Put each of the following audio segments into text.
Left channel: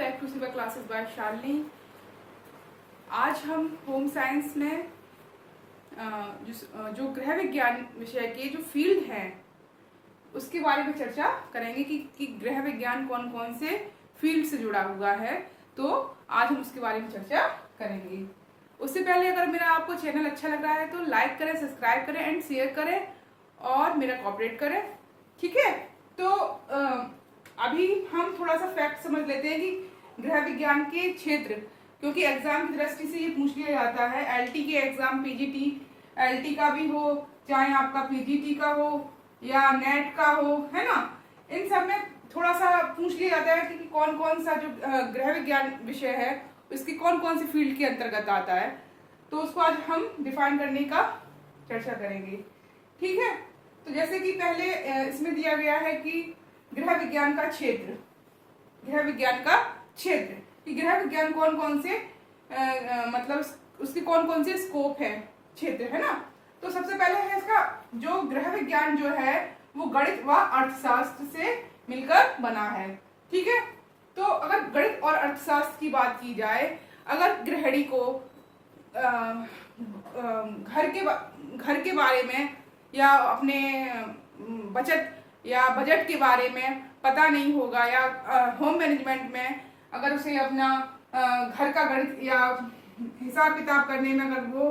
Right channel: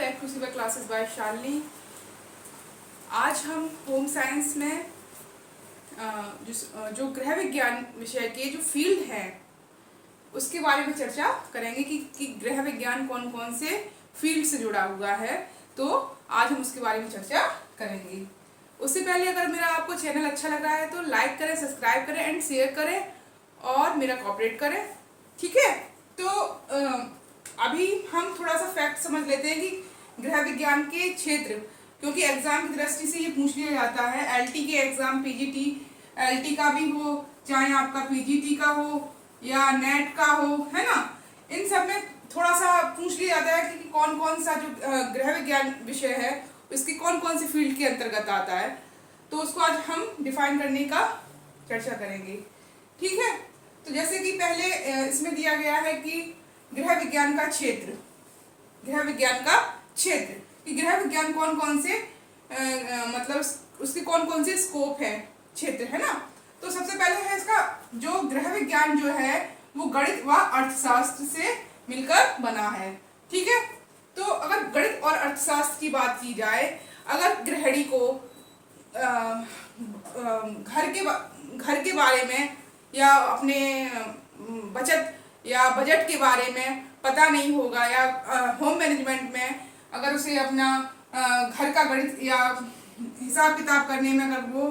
Back to सिवा classes bye Shalini. आज हम होम साइंस में जो गृह विज्ञान विषय के जो फील्ड हैं उसके बारे में चर्चा करेंगे कि गृह विज्ञान कौन कौन से फील्ड से जुड़ा हुआ है। तो आज हम उसके बारे में चर्चा करेंगे। उससे पहले अगर मेरा आपको चैनल अच्छा लग रहा है तो लाइक करें, सब्सक्राइब करें एंड शेयर करें और मेरा कोऑपरेट करें, ठीक है। तो अभी हम थोड़ा सा फैक्ट समझ लेते हैं कि गृह विज्ञान के क्षेत्र, क्योंकि एग्जाम की दृष्टि से ये पूछ लिया जाता है। एलटी के एग्जाम, पीजीटी एलटी का भी हो, चाहे आपका पीजीटी का हो या नेट का हो, है ना, इन सब में थोड़ा सा पूछ लिया जाता है कि कौन कौन सा जो गृह विज्ञान विषय है इसकी कौन कौन सी फील्ड के अंतर्गत आता है। तो उसको आज हम डिफाइन करने का चर्चा करेंगे, ठीक है। तो जैसे कि पहले इसमें दिया गया है कि गृह विज्ञान का क्षेत्र, गृह विज्ञान का क्षेत्र कि गृह विज्ञान कौन कौन से मतलब उसके कौन कौन से स्कोप है, क्षेत्र, है ना। तो सबसे पहले है इसका जो गृह विज्ञान जो है वो गणित व अर्थशास्त्र से मिलकर बना है, ठीक है। तो अगर गणित और अर्थशास्त्र की बात की जाए, अगर गृहिणी को घर के बारे में या अपने बचत या बजट के बारे में पता नहीं होगा या होम मैनेजमेंट में अगर उसे अपना घर का गणित या हिसाब किताब करने में अगर वो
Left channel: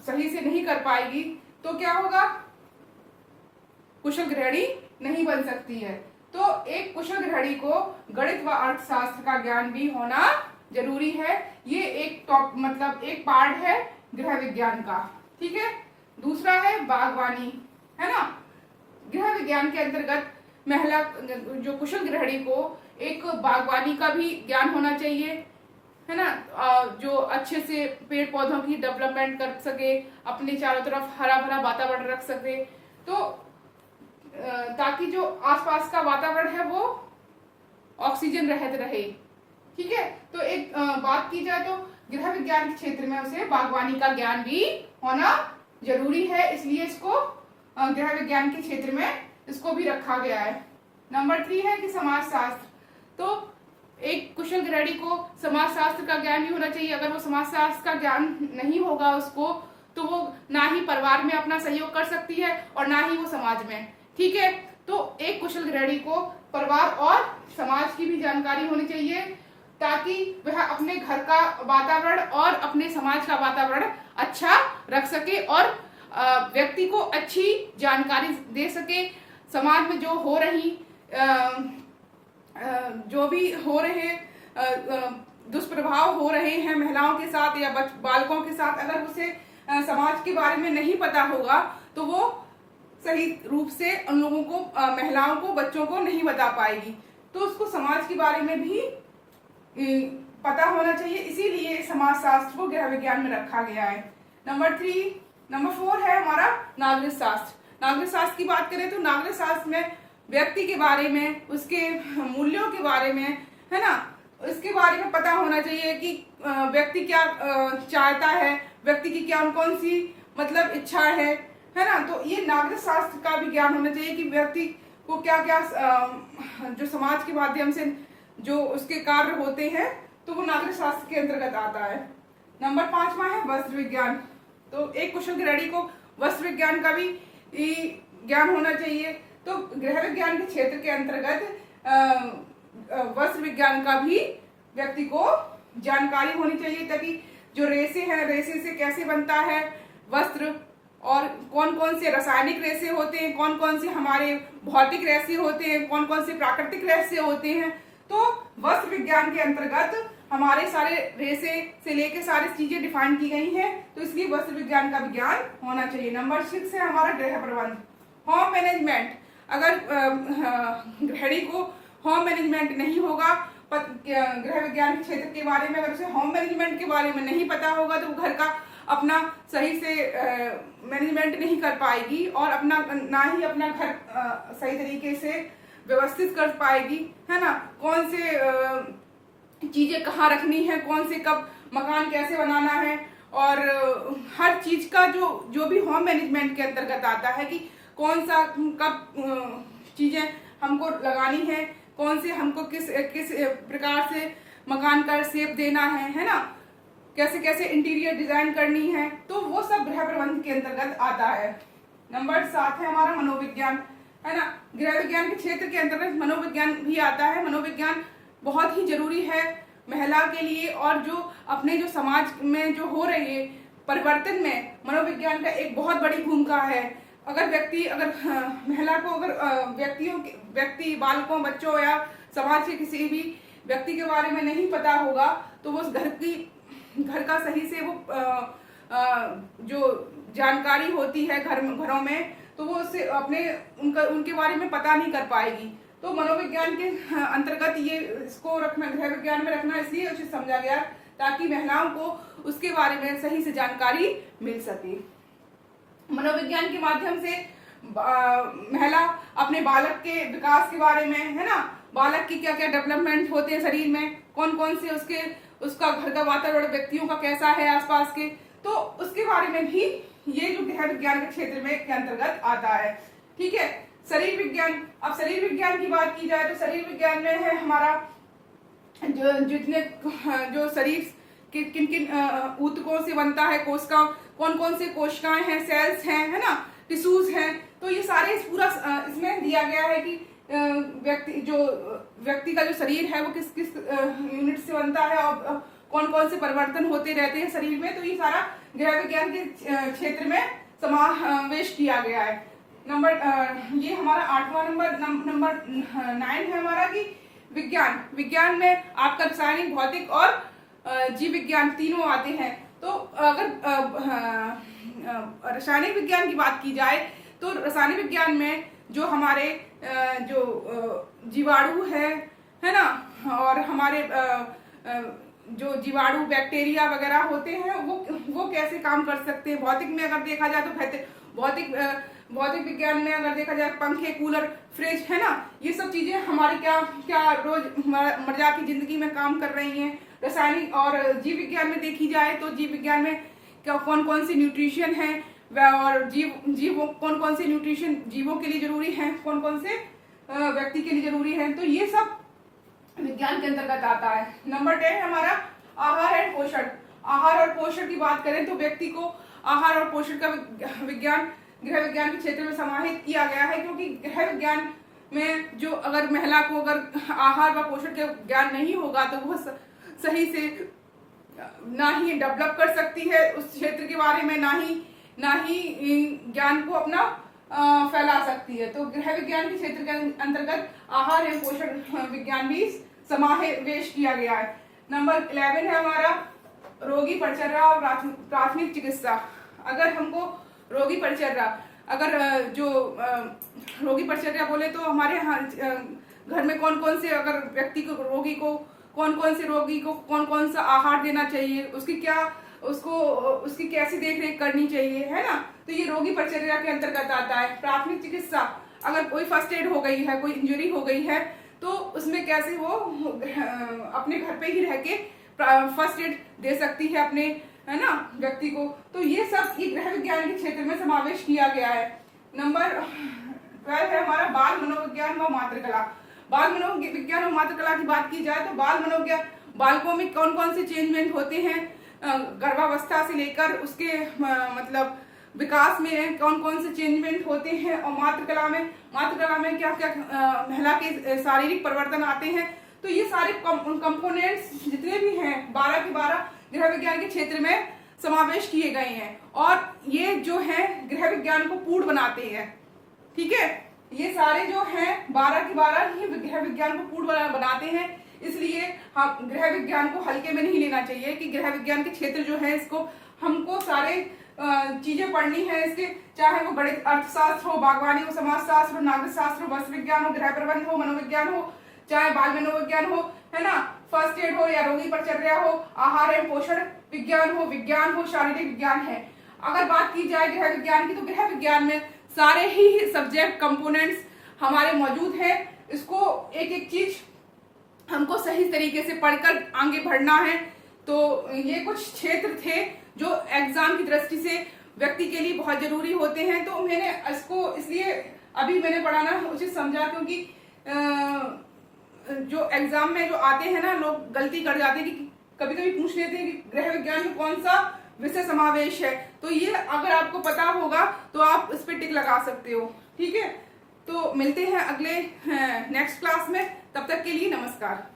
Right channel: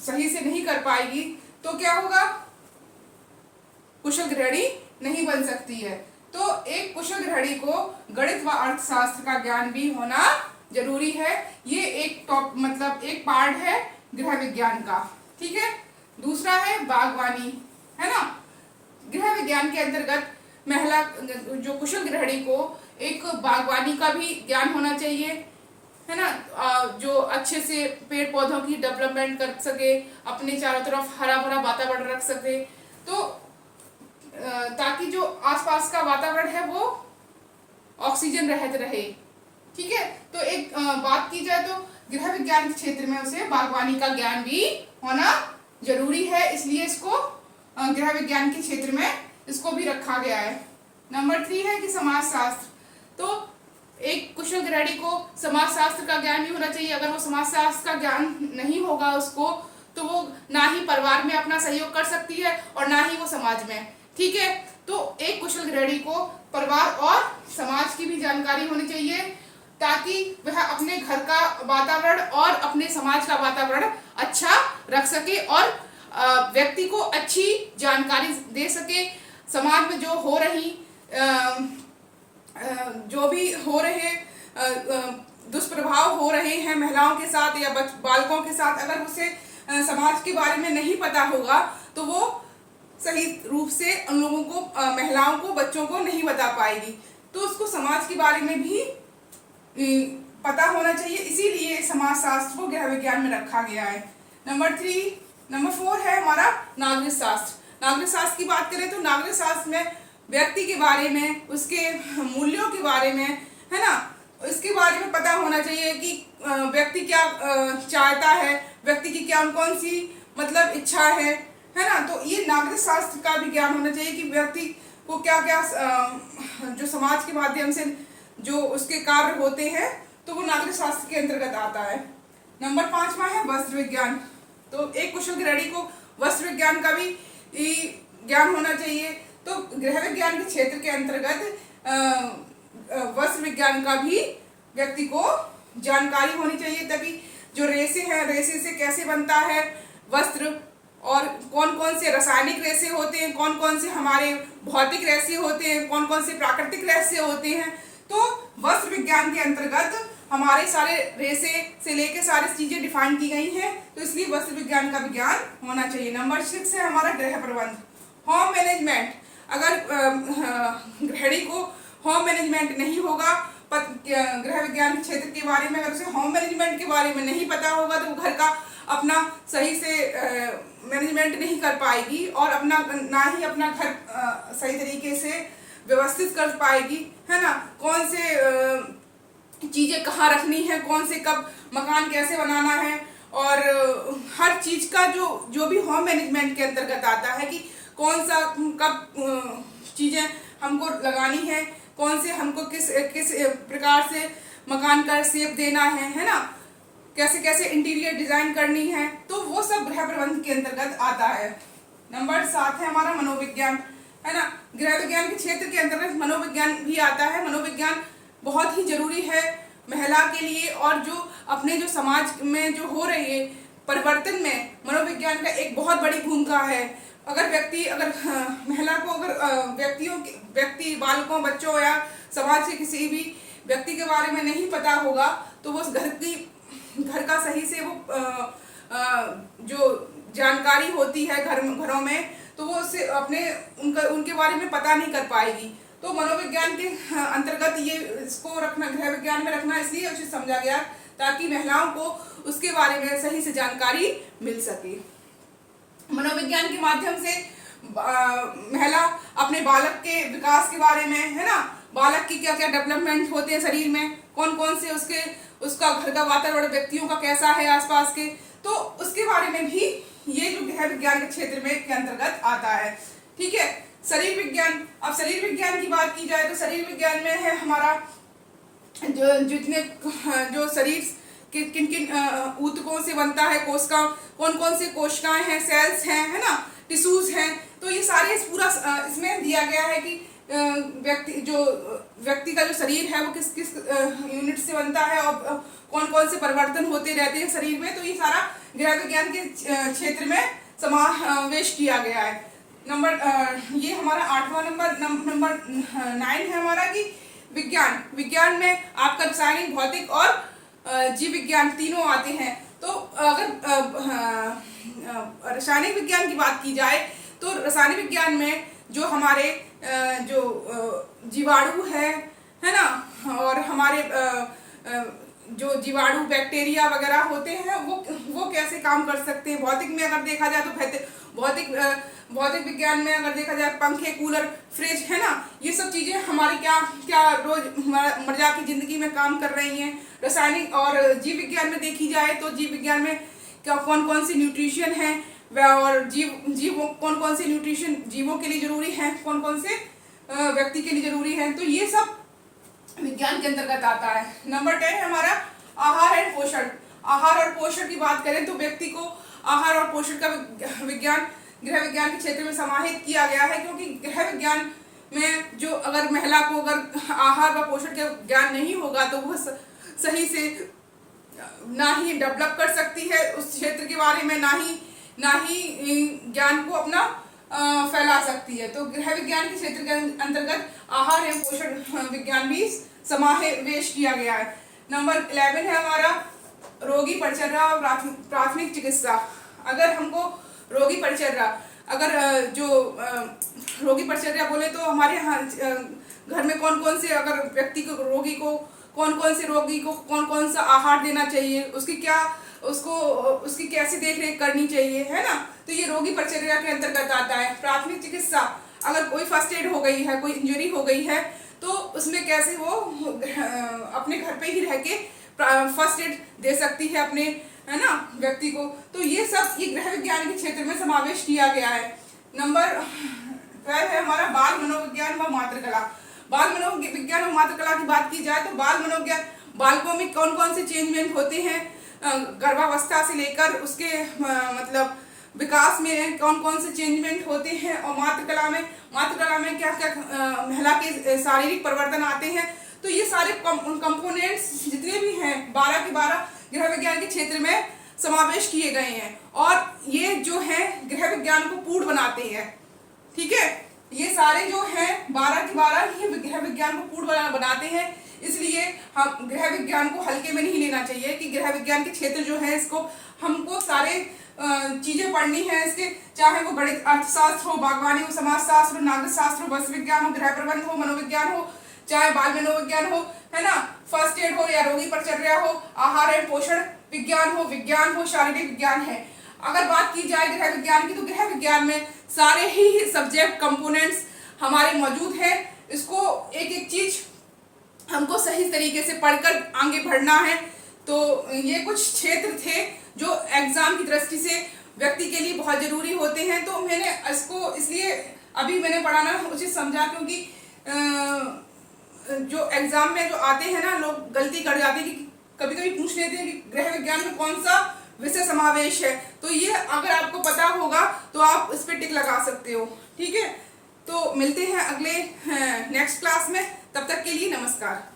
सही से नहीं कर पाएगी तो क्या होगा, कुशल गृहिणी नहीं बन सकती है। तो एक कुशल गृहिणी को गणित व अर्थशास्त्र का ज्ञान भी होना जरूरी है। ये एक मतलब एक पार्ट है गृह विज्ञान का, ठीक है। दूसरा है बागवानी, है ना। गृह विज्ञान के अंतर्गत महिला जो कुशल गृहिणी को एक बागवानी का भी ज्ञान होना चाहिए, है ना, जो अच्छे से पेड़ पौधों की डेवलपमेंट कर सके, अपने चारों तरफ हरा भरा वातावरण रख सके, तो ताकि जो आसपास का वातावरण है वो ऑक्सीजन रहित रहे, ठीक है। तो एक बात की जाए तो गृह विज्ञान के क्षेत्र में उसे बागवानी का ज्ञान भी होना जरूरी है, इसलिए इसको गृह विज्ञान के क्षेत्र में इसको भी रखा गया है। नंबर 3 है कि समाजशास्त्र। तो एक कुशल गृहिणी को समाजशास्त्र का ज्ञान भी होना चाहिए। अगर वो समाजशास्त्र का ज्ञान नहीं होगा उसको तो वो ना ही परिवार में अपना सहयोग कर सकती है और ना ही वो समाज में, ठीक है। तो एक कुशल गृहिणी को परिवार और समाज की भी जानकारी होनी चाहिए ताकि वह अपने घर का वातावरण और अपने समाज का वातावरण अच्छा रख सके और व्यक्ति को अच्छी जानकारी दे सके। समाज में जो भी हो रहे दुष्प्रभाव हो रहे हैं महिलाओं के साथ या बालकों के साथ, अगर उसे समाज के बारे में नहीं पता होगा तो वो सही रूप से उन लोगों को, महिलाओं को, बच्चों को नहीं बता पाएगी। तो उसको समाज के बारे में भी पता होना चाहिए, इसीलिए समाजशास्त्र को गृह विज्ञान में रखा गया है। नंबर 4 है हमारा नागरिक शास्त्र। नागरिक शास्त्र की बात करें तो नागरिक शास्त्र में व्यक्ति के बारे में, उसके मूल्यों के बारे में, है ना, इसके बारे में पता होना चाहिए कि व्यक्ति क्या चाहता है, व्यक्ति की क्या कौन सी मतलब इच्छा है ना। तो ये नागरिक शास्त्र का भी ज्ञान होना चाहिए कि व्यक्ति को क्या क्या जो समाज के माध्यम से जो उसके कार्य होते हैं तो वो नागरिक शास्त्र के अंतर्गत आता है। नंबर 5वां है वस्त्र विज्ञान। तो एक कुशल गृहिणी को वस्त्र विज्ञान का भी ज्ञान होना चाहिए। तो गृह विज्ञान के क्षेत्र के अंतर्गत वस्त्र विज्ञान का भी व्यक्ति को जानकारी होनी चाहिए ताकि जो रेशे हैं, रेशे से कैसे बनता है वस्त्र और कौन कौन से रासायनिक रेशे होते हैं, कौन कौन से हमारे भौतिक रेशे होते हैं, कौन कौन से प्राकृतिक रेशे होते हैं। तो वस्त्र विज्ञान के अंतर्गत हमारे सारे रेशे से लेकर सारी चीजें डिफाइन की गई हैं, तो इसलिए वस्त्र विज्ञान का भी ज्ञान होना चाहिए। नंबर 6 है हमारा गृह प्रबंध, होम मैनेजमेंट। अगर गृहिणी को होम मैनेजमेंट नहीं होगा, गृह विज्ञान के क्षेत्र के बारे में अगर उसे होम मैनेजमेंट के बारे में नहीं पता होगा तो वो घर का अपना सही से मैनेजमेंट नहीं कर पाएगी और अपना ना ही अपना घर सही तरीके से व्यवस्थित कर पाएगी, है ना। कौन से चीजें कहाँ रखनी है, कौन से कब मकान कैसे बनाना है और हर चीज का जो भी होम मैनेजमेंट के अंतर्गत आता है कि कौन सा कब चीजें हमको लगानी है, कौन से हमको किस किस प्रकार से मकान का शेप देना है ना, कैसे कैसे इंटीरियर डिजाइन करनी है, तो वो सब गृह प्रबंध के अंतर्गत आता है। नंबर 7 है हमारा मनोविज्ञान, है ना। गृह विज्ञान के क्षेत्र के अंतर्गत मनोविज्ञान भी आता है। मनोविज्ञान बहुत ही जरूरी है महिला के लिए, और जो अपने जो समाज में जो हो रही है परिवर्तन में मनोविज्ञान का एक बहुत बड़ी भूमिका है। अगर महिला को व्यक्ति बालकों, बच्चों या समाज के किसी भी व्यक्ति के बारे में नहीं पता होगा, तो वो उस घर का सही से वो जो जानकारी होती है घरों में, तो वो उससे उनके बारे में पता नहीं कर पाएगी। तो मनोविज्ञान के अंतर्गत ये इसको रखना, गृह विज्ञान में रखना इसलिए उचित समझा गया ताकि महिलाओं को उसके बारे में सही से जानकारी मिल सके। मनोविज्ञान के माध्यम से महिला अपने बालक के विकास के बारे में, है ना, बालक की क्या क्या डेवलपमेंट होते हैं शरीर में, कौन कौन से उसका घर का वातावरण व्यक्तियों का कैसा है आसपास के, तो उसके बारे में भी ये जो गृह विज्ञान के क्षेत्र में के अंतर्गत आता है। ठीक है। शरीर विज्ञान, अब शरीर विज्ञान की बात की जाए तो शरीर विज्ञान में है हमारा जो शरीर के किन किन ऊतकों से बनता है, कोशिका, कौन कौन से कोशिकाएं हैं, सेल्स हैं, है ना, टिश्यूज हैं, तो ये सारे पूरा इसमें दिया गया है कि व्यक्ति का जो शरीर है वो किस किस यूनिट से बनता है और कौन कौन से परिवर्तन होते रहते हैं शरीर में। तो ये सारा गृह विज्ञान के क्षेत्र में समावेश किया गया है। ये हमारा 8वां नंबर 9 है हमारा कि विज्ञान में आपका रासायनिक, भौतिक और जीव विज्ञान तीनों आते हैं। तो अगर रासायनिक विज्ञान की बात की जाए तो रासायनिक विज्ञान में जो हमारे जो जीवाणु है ना, और हमारे जो जीवाणु बैक्टीरिया वगैरह होते हैं वो कैसे काम कर सकते हैं। भौतिक में अगर देखा जाए तो भौतिक विज्ञान में अगर देखा जाए पंखे, कूलर, फ्रिज, है ना, ये सब चीजें हमारी क्या क्या रोजमर्रा की जिंदगी में काम कर रही हैं। रासायनिक और जीव विज्ञान में देखी जाए तो जीव विज्ञान में क्या कौन कौन सी न्यूट्रिशन है और जीवों कौन कौन से न्यूट्रिशन जीवों के लिए जरूरी है, कौन कौन से व्यक्ति के लिए जरूरी है, तो ये सब विज्ञान के अंतर्गत आता है। नंबर 10 है हमारा आहार एंड पोषण। आहार और पोषण की बात करें तो व्यक्ति को आहार और पोषण का विज्ञान गृह विज्ञान के क्षेत्र में समाहित किया गया है, क्योंकि गृह विज्ञान में जो अगर महिला को अगर आहार व पोषण का ज्ञान नहीं होगा तो वह सही से ना ही डेवलप कर सकती है उस क्षेत्र के बारे में, ना ही ज्ञान को अपना फैला सकती है। तो गृह विज्ञान के क्षेत्र के अंतर्गत आहार एवं पोषण विज्ञान भी समावेश किया गया है। नंबर 11 है हमारा रोगी परिचर्या और प्राथमिक चिकित्सा। अगर हमको रोगी परिचर्या, रोगी परिचर्या बोले तो हमारे यहाँ घर में कौन कौन से अगर व्यक्ति को रोगी को कौन कौन सा आहार देना चाहिए, उसकी कैसी देखरेख करनी चाहिए, है ना, तो ये रोगी परिचर्या के अंतर्गत आता है। प्राथमिक चिकित्सा, अगर कोई फर्स्ट एड हो गई है, कोई इंजरी हो गई है, तो उसमें कैसे वो अपने घर पे ही रह के फर्स्ट एड दे सकती है अपने, है ना, व्यक्ति को। तो ये सब ये गृह विज्ञान के क्षेत्र में समावेश किया गया है। नंबर 12 है हमारा बाल मनोविज्ञान व मातृकला। बाल मनोविज्ञान और मातृकला की बात की जाए तो बाल मनोविज्ञान, बालकों में कौन कौन से चेंजमेंट होते हैं गर्भावस्था से लेकर उसके मतलब विकास में कौन कौन से चेंजमेंट होते हैं, और मातृकला में क्या क्या महिला के शारीरिक परिवर्तन आते हैं। तो ये सारे कंपोनेंट्स जितने भी हैं 12 के 12 गृह विज्ञान के क्षेत्र में समावेश किए गए हैं, और ये जो है गृह विज्ञान को पूर्ण बनाते हैं। ठीक है, ये सारे जो हैं 12 के 12 ये गृह विज्ञान को पूर्ण बनाते हैं। इसलिए हम गृह विज्ञान को हल्के में नहीं लेना चाहिए कि गृह विज्ञान के क्षेत्र जो है इसको हमको सारे चीजें पढ़नी है इसके, चाहे वो बड़े अर्थशास्त्र हो, बागवानी हो, समाजशास्त्र हो, नागरिक शास्त्र हो, वस्तु विज्ञान हो, गृह प्रबंध हो, मनोविज्ञान हो, चाहे बाल मनोविज्ञान हो, है ना, फर्स्ट एड हो या रोगी परिचर्या हो, आहार एवं पोषण विज्ञान हो, शारीरिक विज्ञान है। अगर बात की जाए गृह विज्ञान की तो गृह विज्ञान में सारे ही सब्जेक्ट कंपोनेंट्स हमारे मौजूद हैं। इसको एक एक चीज हमको सही तरीके से पढ़कर आगे बढ़ना है। तो ये कुछ क्षेत्र थे जो एग्जाम की दृष्टि से व्यक्ति के लिए बहुत जरूरी होते हैं। तो मैंने इसको इसलिए अभी मैंने पढ़ाना उचित समझा, क्योंकि जो एग्जाम में जो आते हैं ना, लोग गलती कर जाते हैं कि कभी कभी पूछ लेते हैं कि गृह विज्ञान में कौन सा विषय समावेश है। तो ये अगर आपको पता होगा तो आप इस पे टिक लगा सकते हो। ठीक है, तो मिलते हैं अगले नेक्स्ट क्लास में। तब तक के लिए नमस्कार।